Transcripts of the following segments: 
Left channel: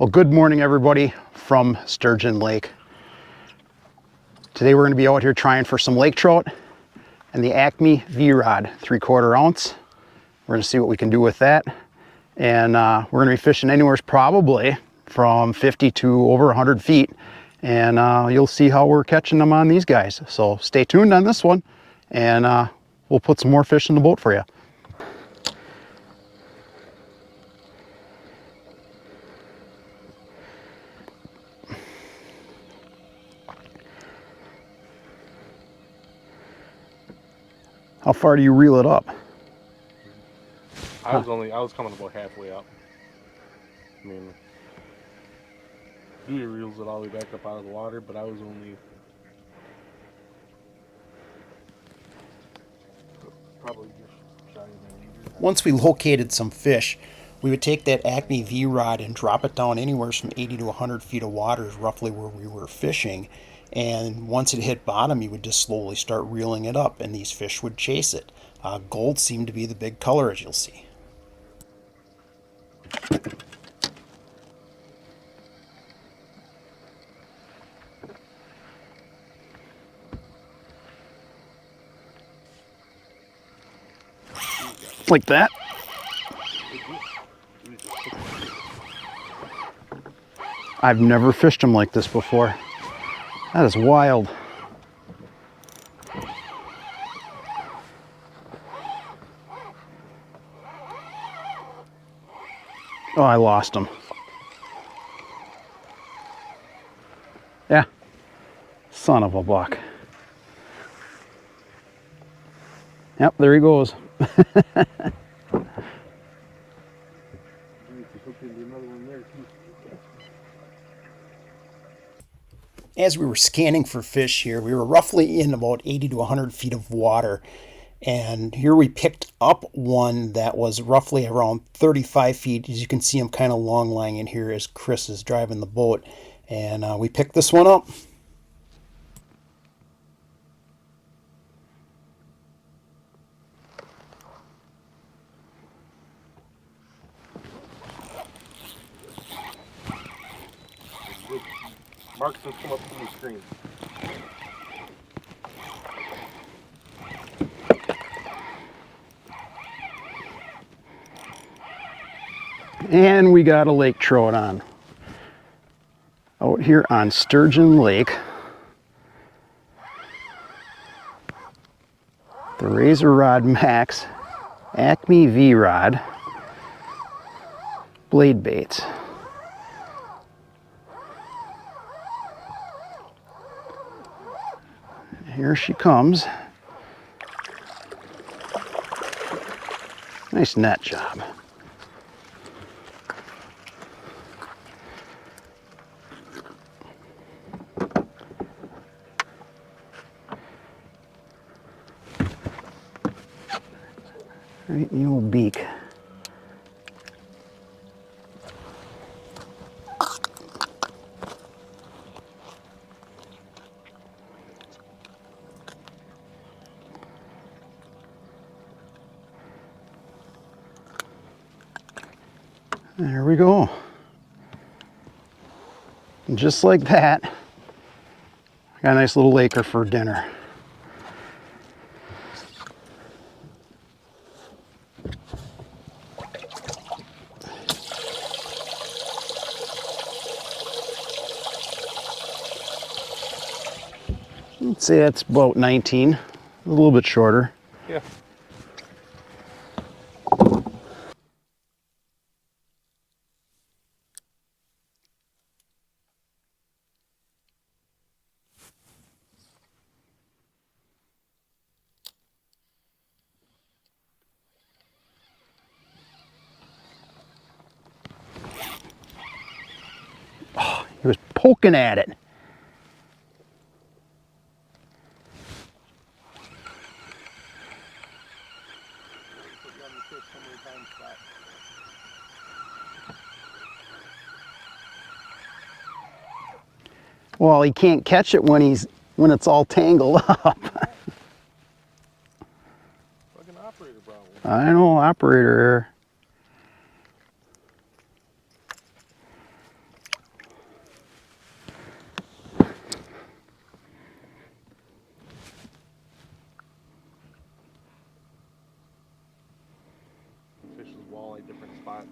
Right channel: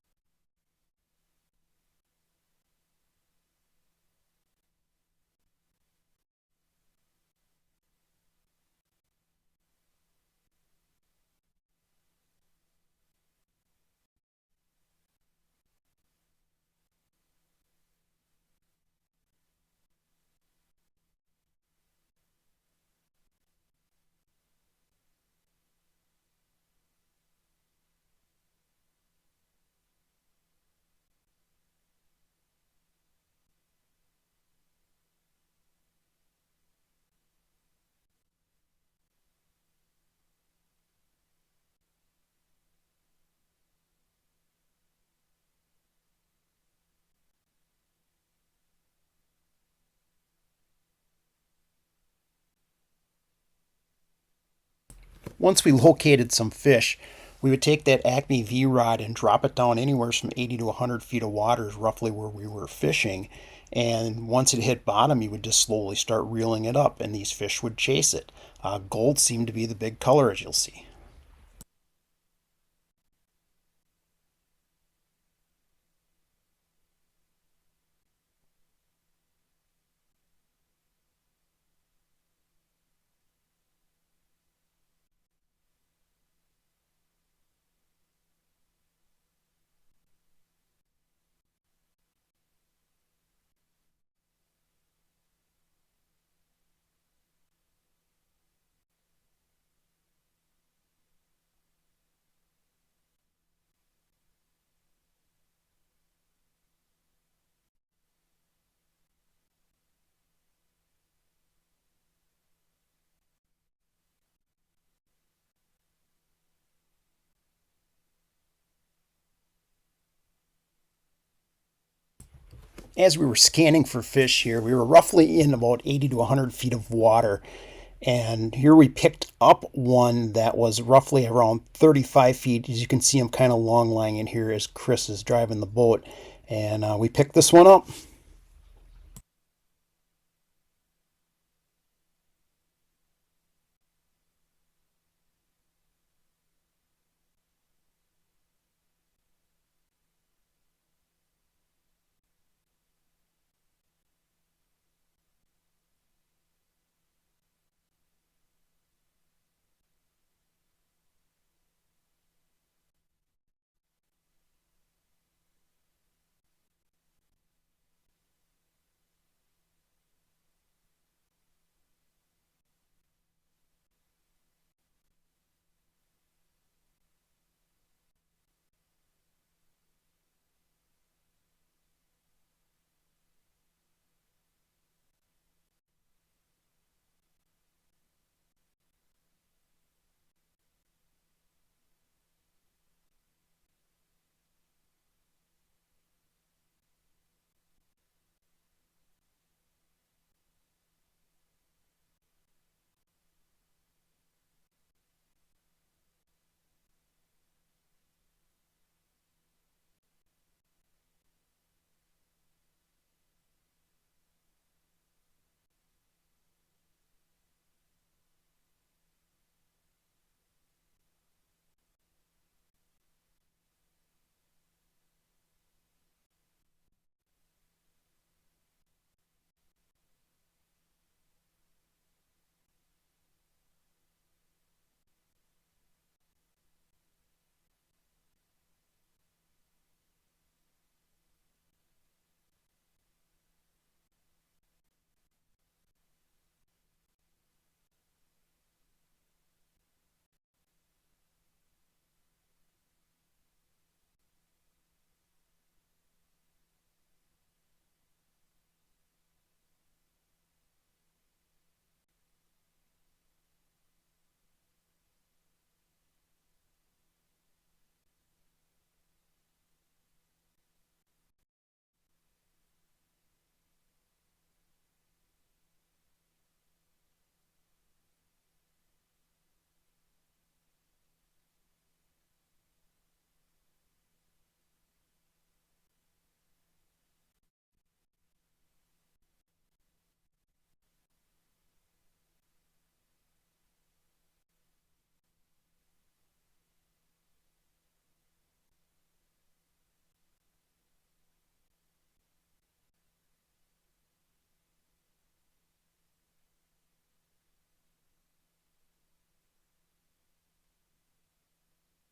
Well, good morning everybody from Sturgeon Lake. Today we're going to be out here trying for some lake trout and the Acme V-Rod 3/4 ounce. We're going to see what we can do with that. And we're going to be fishing anywhere probably from 50 to over 100 feet. And you'll see how we're catching them on these guys. So stay tuned on this one and we'll put some more fish in the boat for you. How far do you reel it up? I was coming about halfway up. I mean, Dewey reels it all the way back up out of the water, but I was only probably just shy of that meter. Once we located some fish, we would take that Acme V-Rod and drop it down anywhere from 80 to 100 feet of water is roughly where we were fishing. And once it hit bottom, you would just slowly start reeling it up and these fish would chase it. Gold seemed to be the big color, as you'll see. Like that. I've never fished them like this before. That is wild. Oh, I lost him. Yeah. Son of a buck. Yep, there he goes. As we were scanning for fish here, we were roughly in about 80 to 100 feet of water. And here we picked up one that was roughly around 35 feet. As you can see, I'm kind of long lying in here as Chris is driving the boat. And we picked this one up. Mark's just come up from the screen. And we got a lake trout on. Out here on Sturgeon Lake. The Razor Rod Max Acme V-Rod blade baits. Here she comes. Nice net job. Right in the old beak. There we go. And just like that, I got a nice little laker for dinner. Let's say that's about 19, a little bit shorter. Yeah. He was poking at it. Well, he can't catch it when it's all tangled up. Fucking operator problem. I know, operator error. like different spots.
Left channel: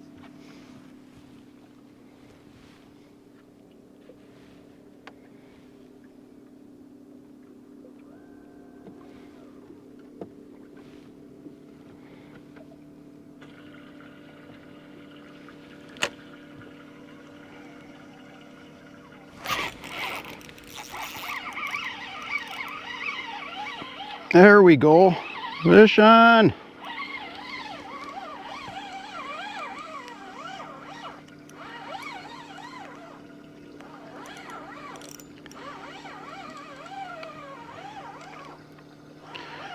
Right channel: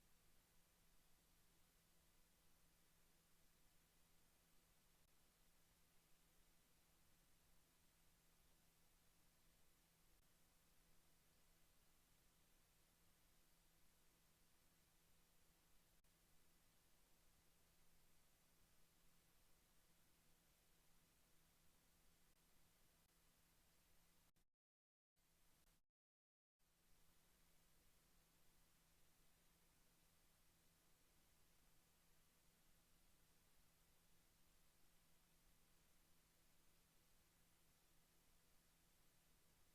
There we go. Fish on.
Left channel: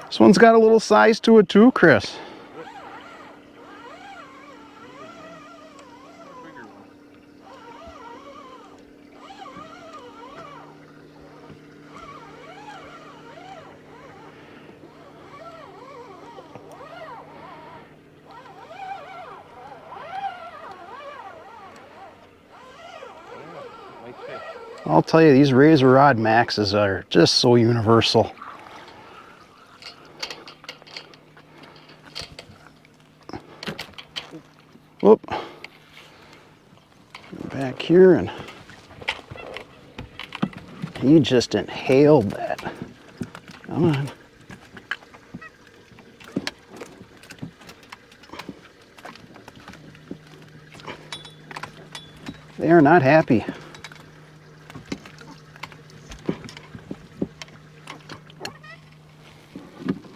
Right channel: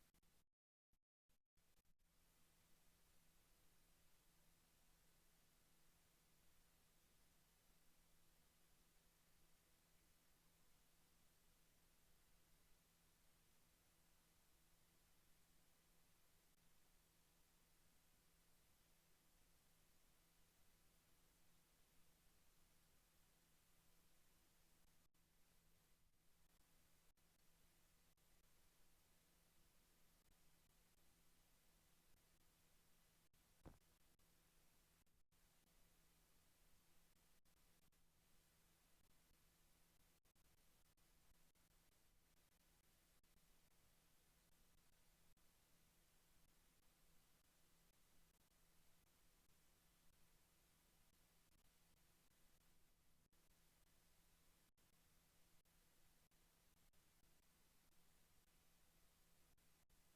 This one's got a little size to it too, Chris. Nice fish. I'll tell you, these razor rod maxes are just so universal. Whoop. Back here, and he just inhaled that. Come on. They are not happy.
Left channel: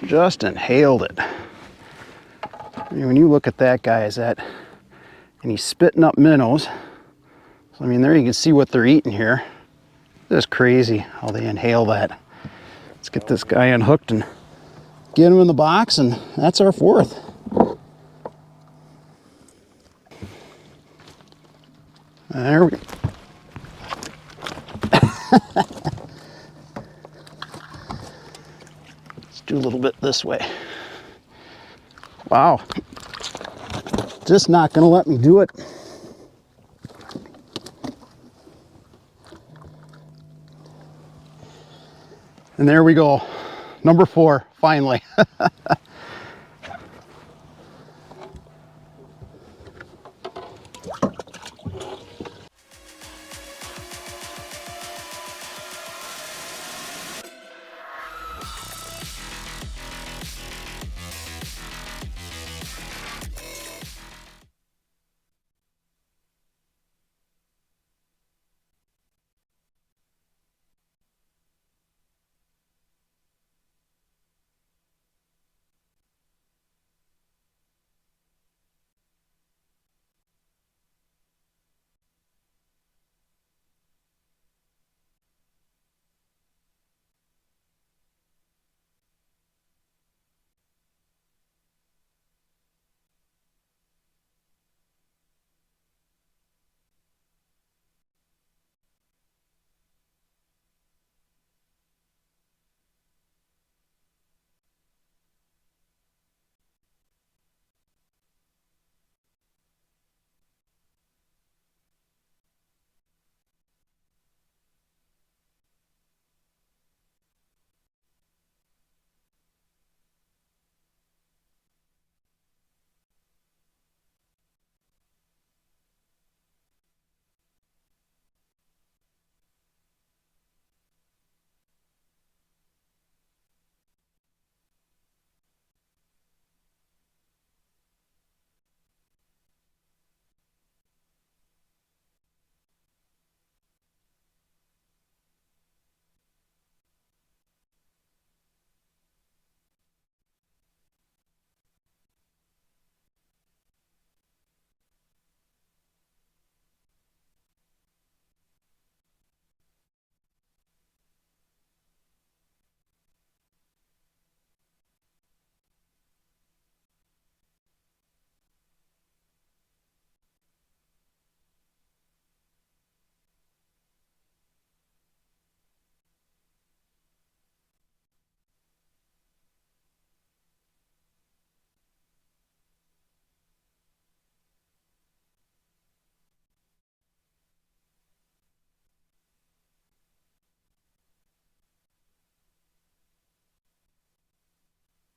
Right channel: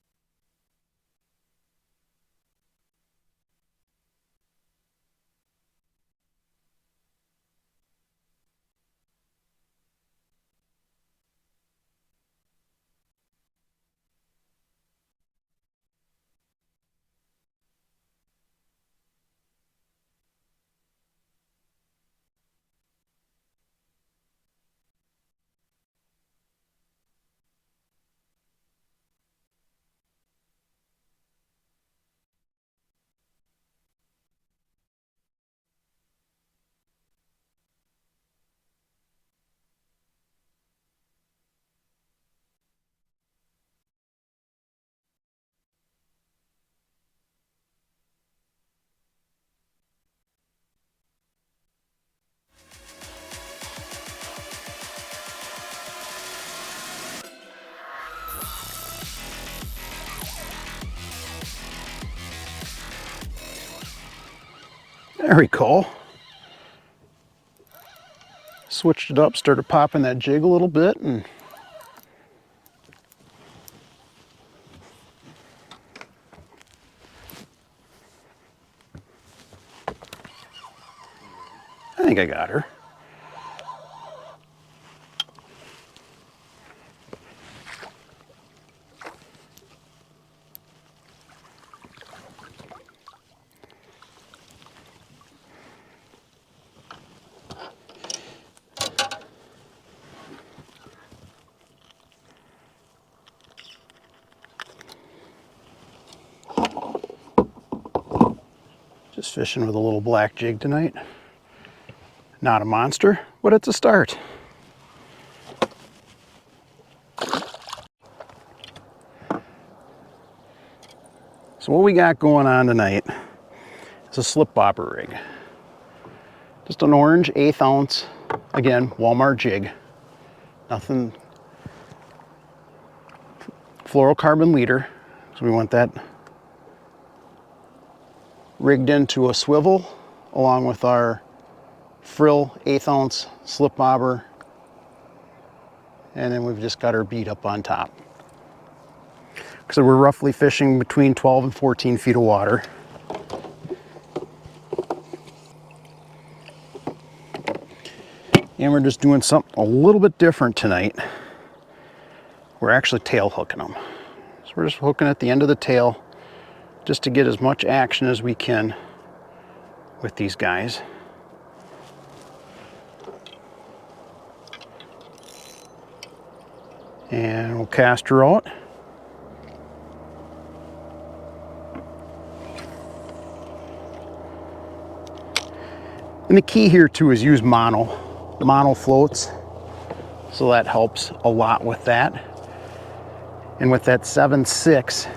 Just inhaled it. I mean, when you look at that guy, and he's spitting up minnows. So, I mean, there you can see what they're eating here. Just crazy how they inhale that. Let's get this guy unhooked and get him in the box, and that's our fourth. There we go. Let's do a little bit this way. Wow. Just not gonna let me do it. And there we go. Number 4, finally. There we go. Switched it up, started popping that jig a little bit, and I think I got her. Just fishing with a little black jig tonight. Not a monster, but it's a start. So what we got going on tonight is a slip bobber rig. Just an orange 1/8 ounce, again, Walmart jig. Nothing, fluorocarbon leader, so we want that rigged into a swivel along with our frill 1/8 ounce slip bobber, and then we've just got our bead up on top. So we're roughly fishing between 12 and 14 feet of water. And we're just doing something a little bit different tonight. We're actually tail hooking them. So we're just hooking at the end of the tail just to get as much action as we can with these guys. And we'll cast her out. And the key here too is use mono floats. So that helps a lot with that. And with that 7.6,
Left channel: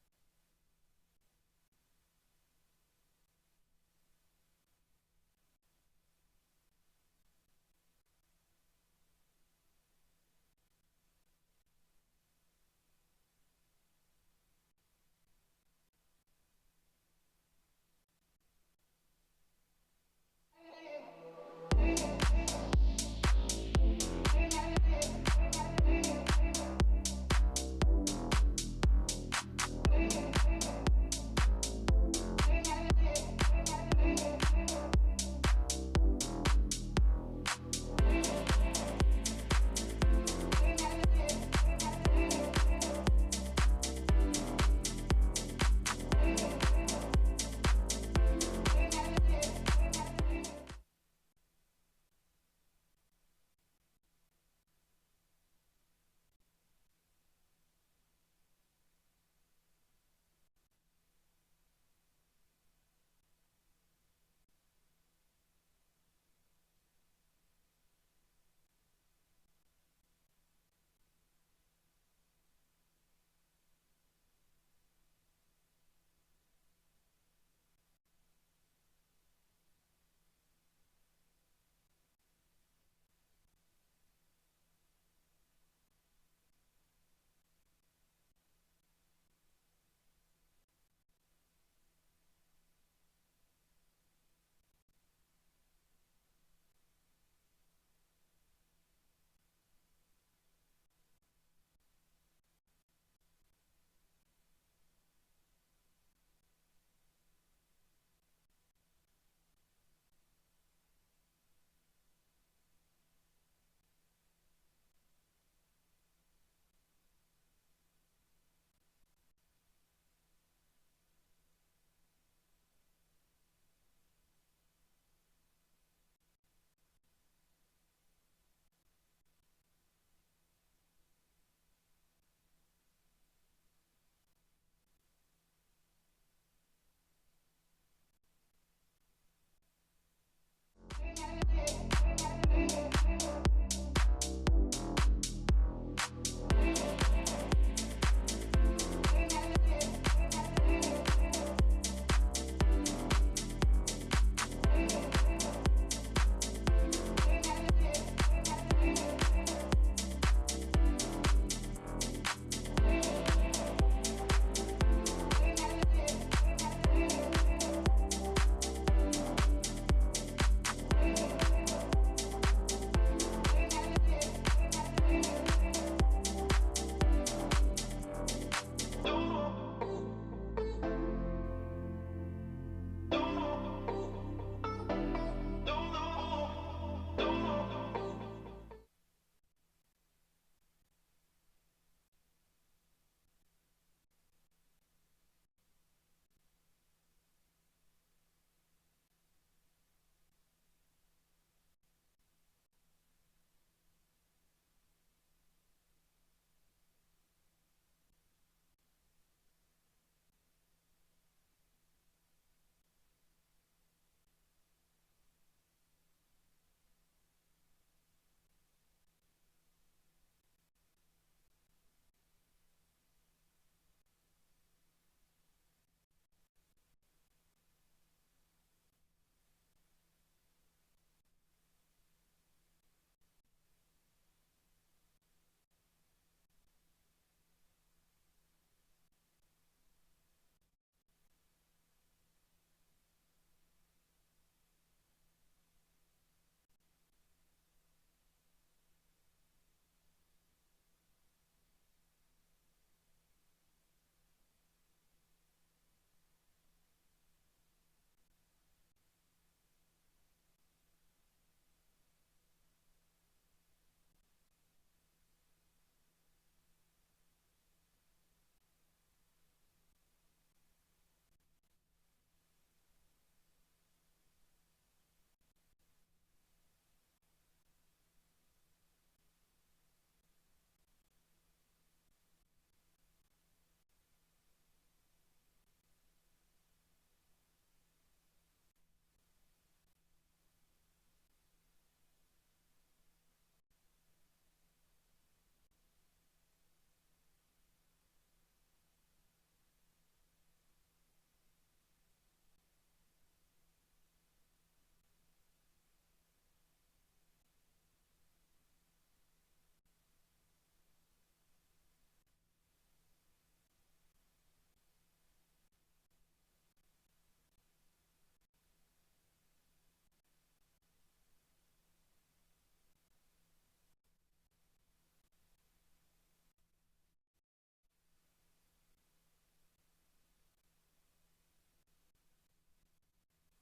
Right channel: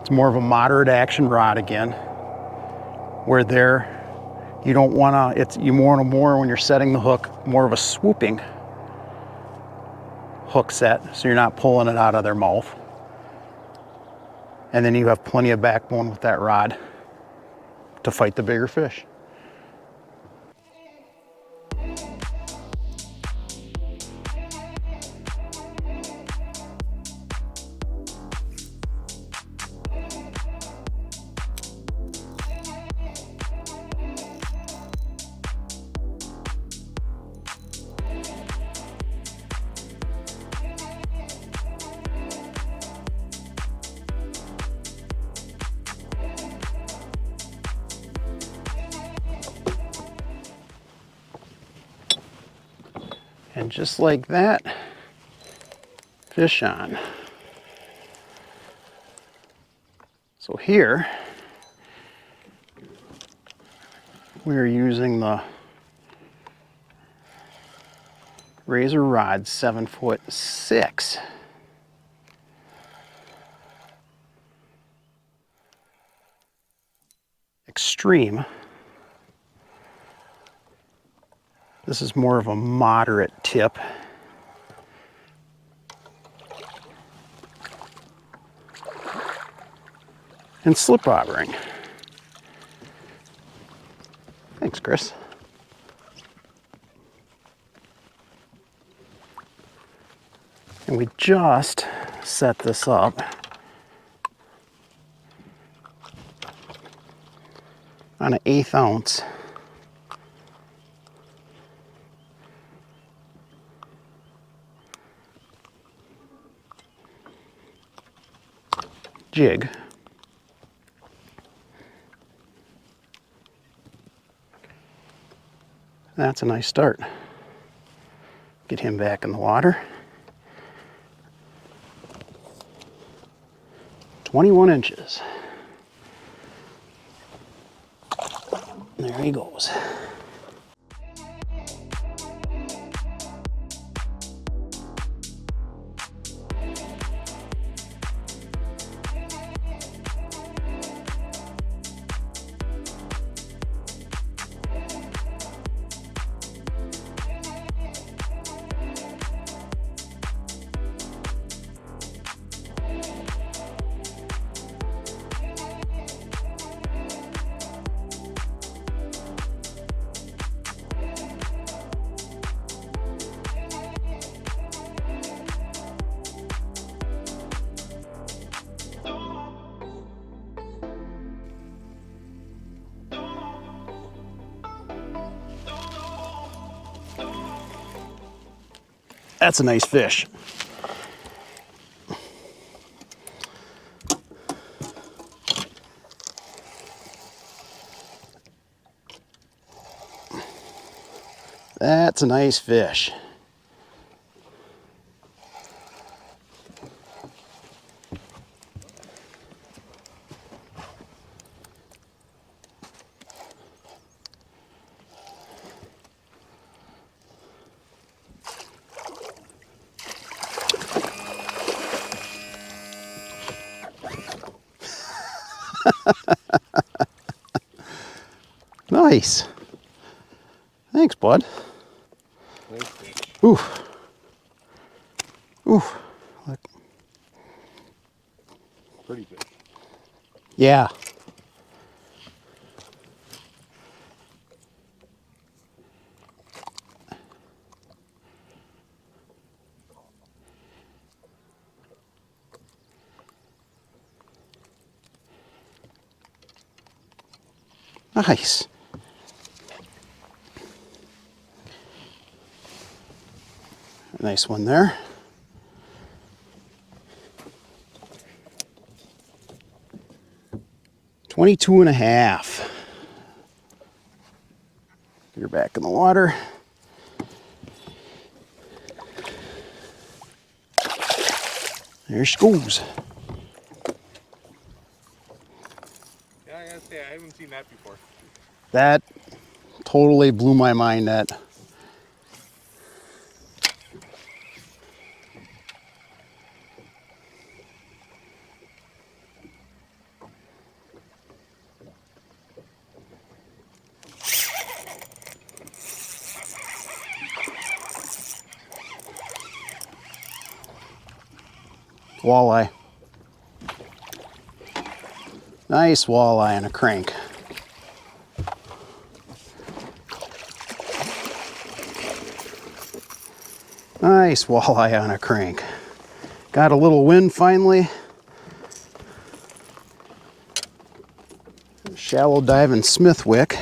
it's more of a moderate action rod again. where there, you don't want to, you want more when you're setting the hook, more of a swooping hook set, so you're not pulling it out of their mouth. And then you have plenty of backbone with that rod to fight the bigger fish. And just like that, fish on. So here, we're using the Razor Rod 7'6". Extreme. This is more of a moderate tip. And slip bobbering. Thanks, Chris. And we just set this up on an 1/8 ounce jig. That's a nice start. Get him back in the water. 21 inches. There he goes. That's a nice fish. That's a nice fish. Nice. Thanks, bud. Nice fish. Oof. Oof. Look. Pretty fish. Yeah. Nice. Nice one there. $22.5. You're back in the water. There she goes. Yeah, I gotta say, I haven't seen that before. That totally blew my mind. That Walleye. Nice walleye on a crank. Nice walleye on a crank. Got a little wind finally. Shallow diving Smithwick.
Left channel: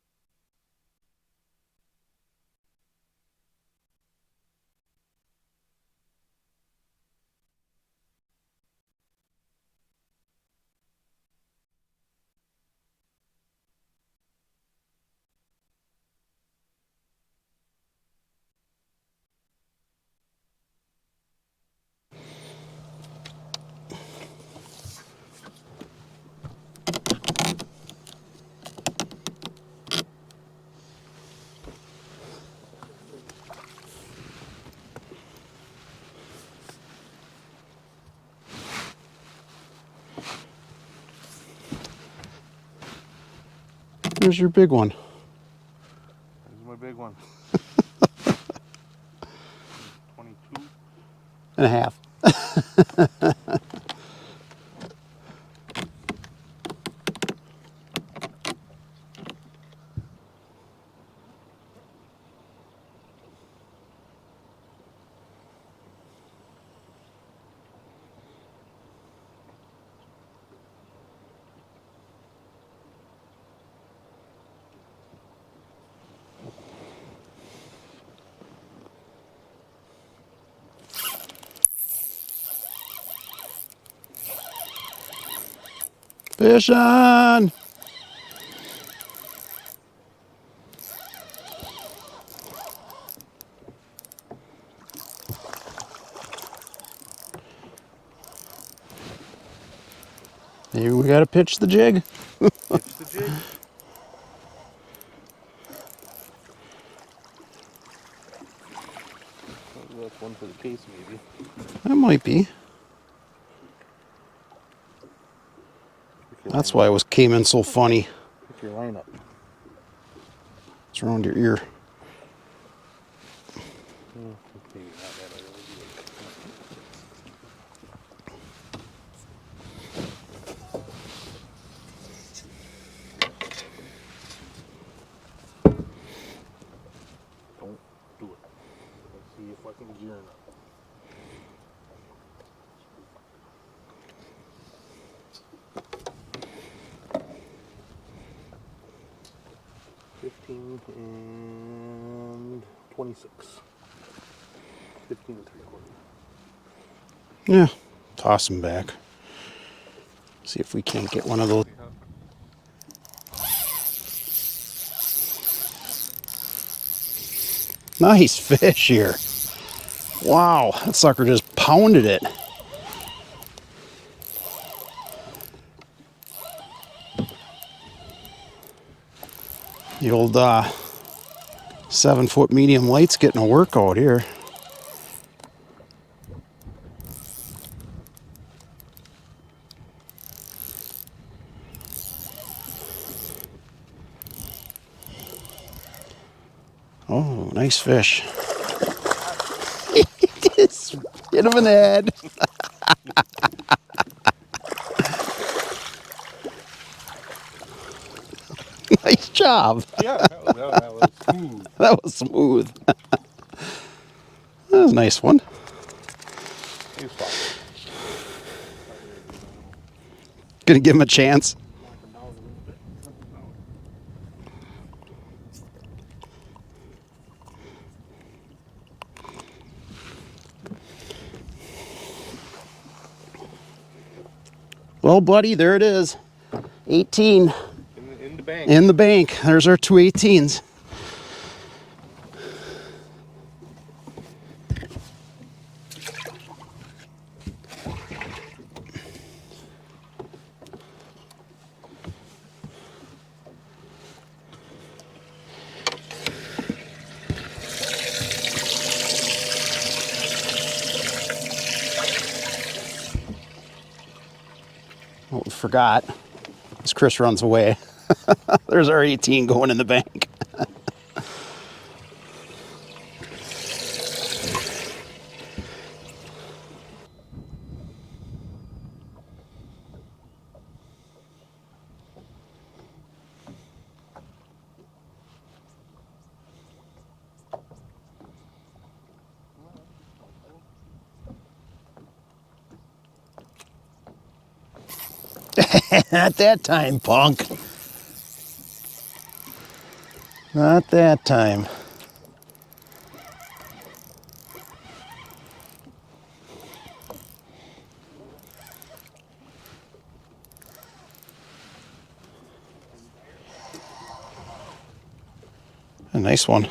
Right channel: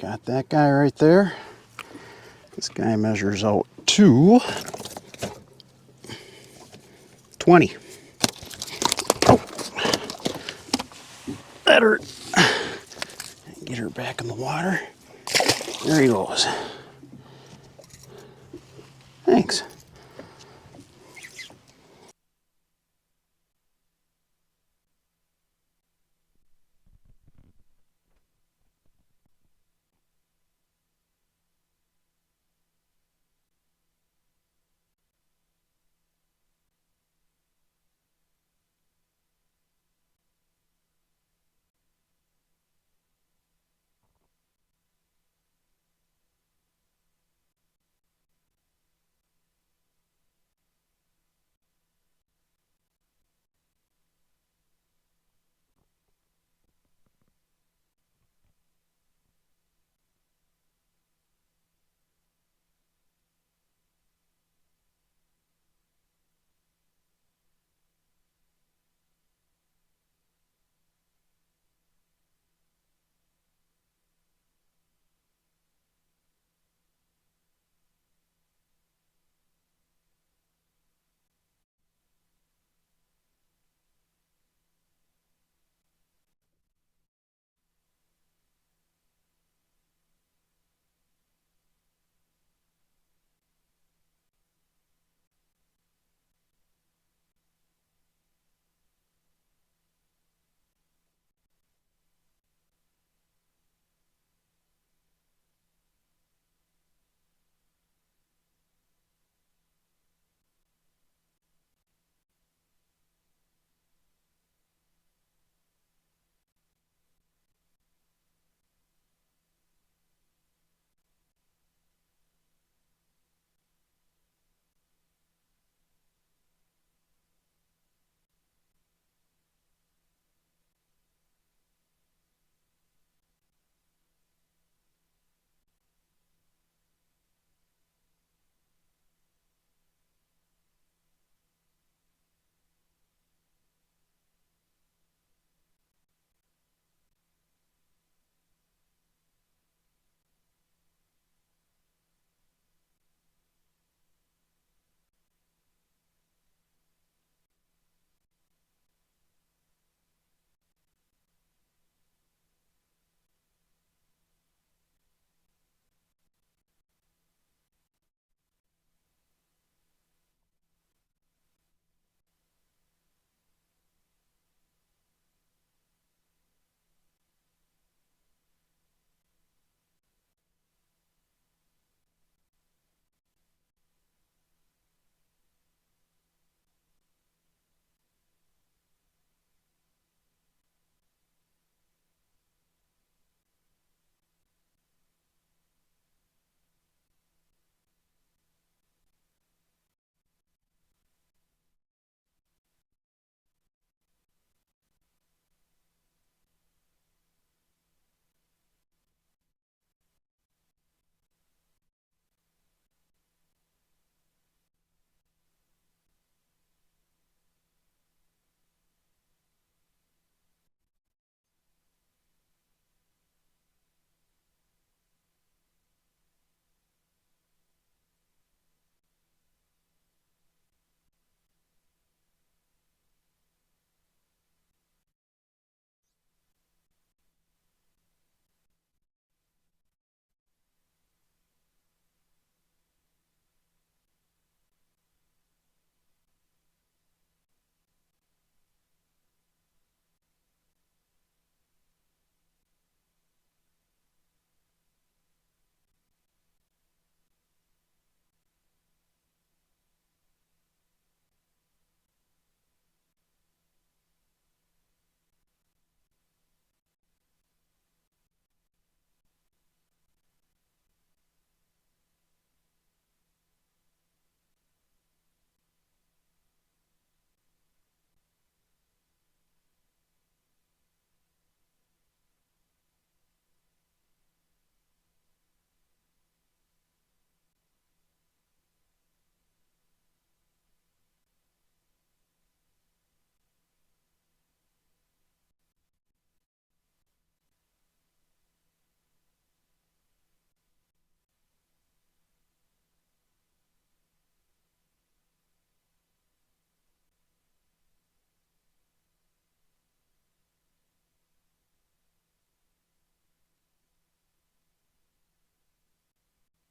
Got that guy right there. This guy measures out to 20. Oh, that hurt. Get her back in the water. There he goes. Thanks. There's your big one. There's my big one. 22 and a half. Fish on! Maybe we gotta pitch the jig. Pitch the jig. That's one for the case, maybe. That might be. That's why it came in so funny. Pick your line up. It's around your ear. Maybe not that early. 15 and 26. 15 and 3/4. Yeah, toss them back. See if we can't get one of those. Nice fish here. Wow, that sucker just pounded it. The old 7-foot medium light's getting a workout here. Oh, nice fish. Just hit him in the head. Nice job. Yeah, that was smooth. That was smooth. That was a nice one. He's fine. Gonna give him a chance. Well, buddy, there it is. 18 In the bank. in the bank. There's our two 18s. Oh, forgot. As Chris runs away. There's our 18 going in the bank. Not that time, punk. Not that time. A nice one.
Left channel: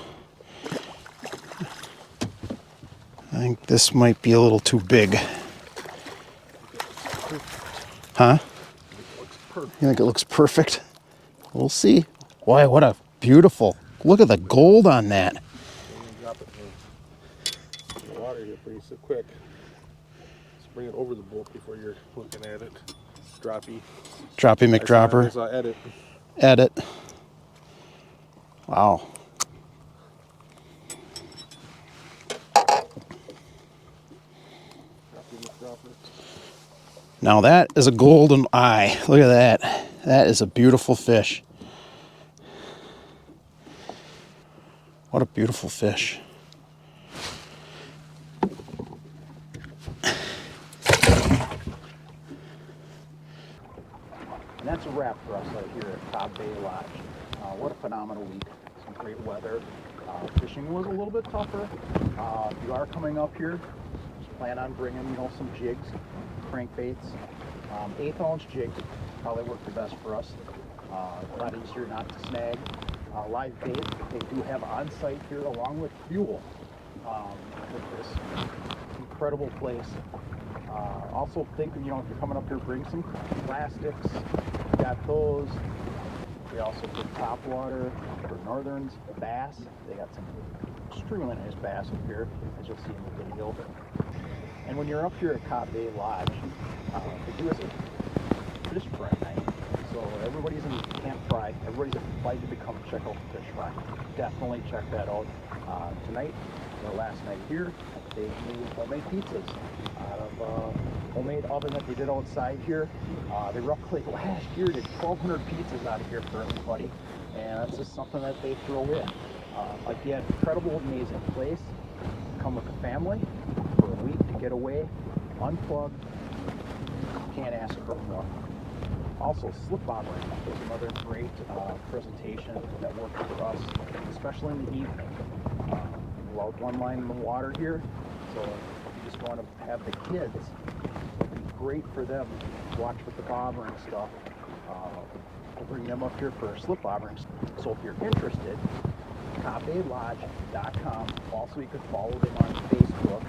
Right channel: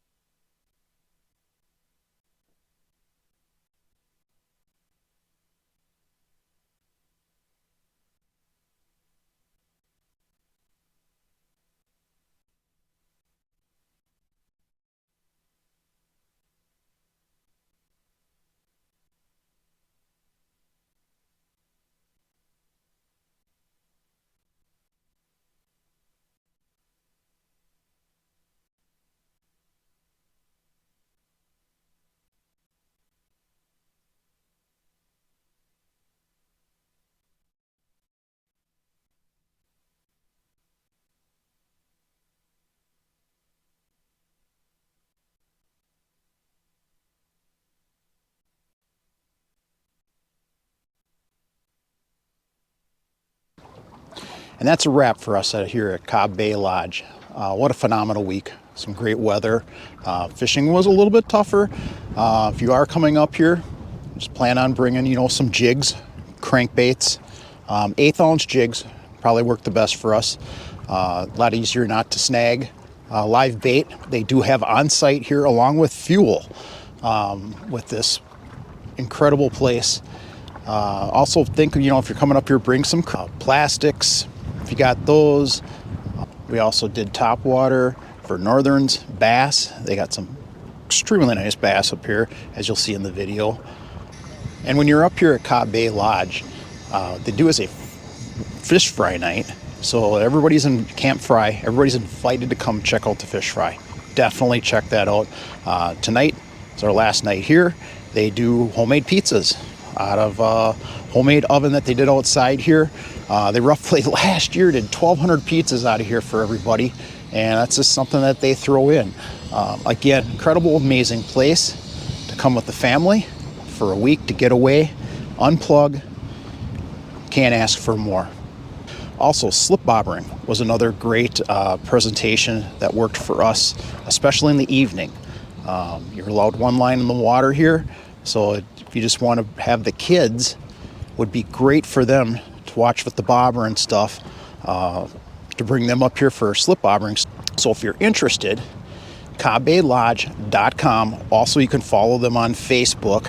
I think this might be a little too big. Huh? You think it looks perfect? We'll see. Boy, what a beautiful. Look at the gold on that. Drop it in the water here pretty so quick. Just bring it over the boat before you're looking at it. Droppy. Droppy McDropper. I saw edit. Edit. Wow. Now that is a golden eye. Look at that. That is a beautiful fish. What a beautiful fish. And that's a wrap for us here at Cobb Bay Lodge. What a phenomenal week. Some great weather. Fishing was a little bit tougher. If you are coming up here, just plan on bringing, some jigs, crankbaits. 1/8-ounce jigs probably work the best for us. A lot easier not to snag. Live bait, they do have on site here along with fuel with this incredible place. Also think, if you're coming up here, bring some plastics if you got those. We also did top water for northerns, bass. They got some extremely nice bass up here, as you'll see in the video. And when you're up here at Cobb Bay Lodge, they do as a fish fry night. So everybody's in camp fry. Everybody's invited to come check out the fish fry. Definitely check that out. Tonight is our last night here. They do homemade pizzas out of a homemade oven that they did outside here. They roughly last year did 1,200 pizzas out of here for everybody. And that's just something that they throw in. Again, incredible, amazing place to come with the family for a week to get away, unplug. Can't ask for more. Also, slip bobbering was another great presentation that worked for us, especially in the evening. You're allowed one line in the water here, so if you just want to have the kids, would be great for them to watch with the bobber and stuff, to bring them up here for slip bobbering. So if you're interested, CobbBayLodge.com. Also, you can follow them on Facebook.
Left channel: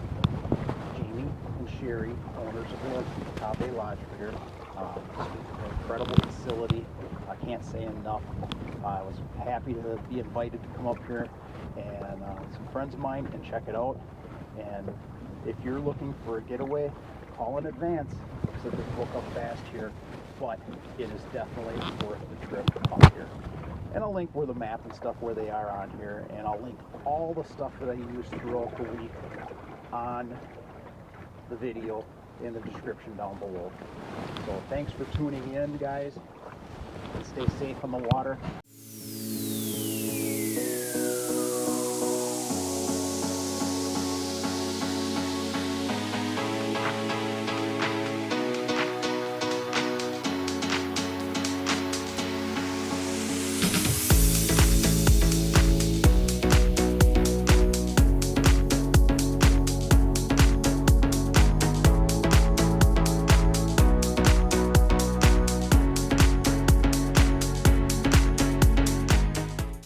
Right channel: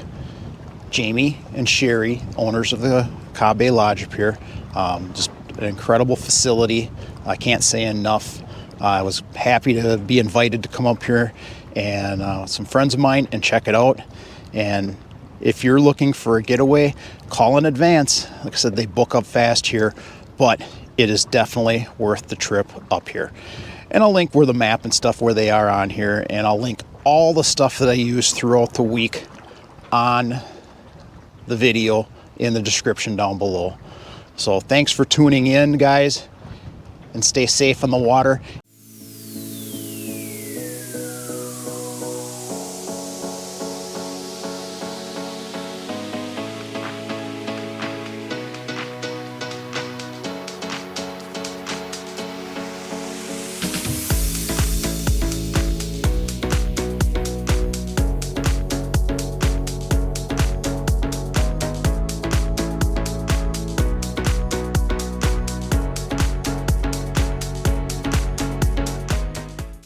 Jamie and Sherry, owners of the Cobb Bay Lodge up here. Just an incredible facility. I can't say enough. I was happy to be invited to come up here and some friends of mine and check it out. And if you're looking for a getaway, call in advance. Like I said, they book up fast here, but it is definitely worth the trip up here. And I'll link where the map and stuff where they are on here, and I'll link all the stuff that I use throughout the week on the video in the description down below. So thanks for tuning in, guys, and stay safe on the water.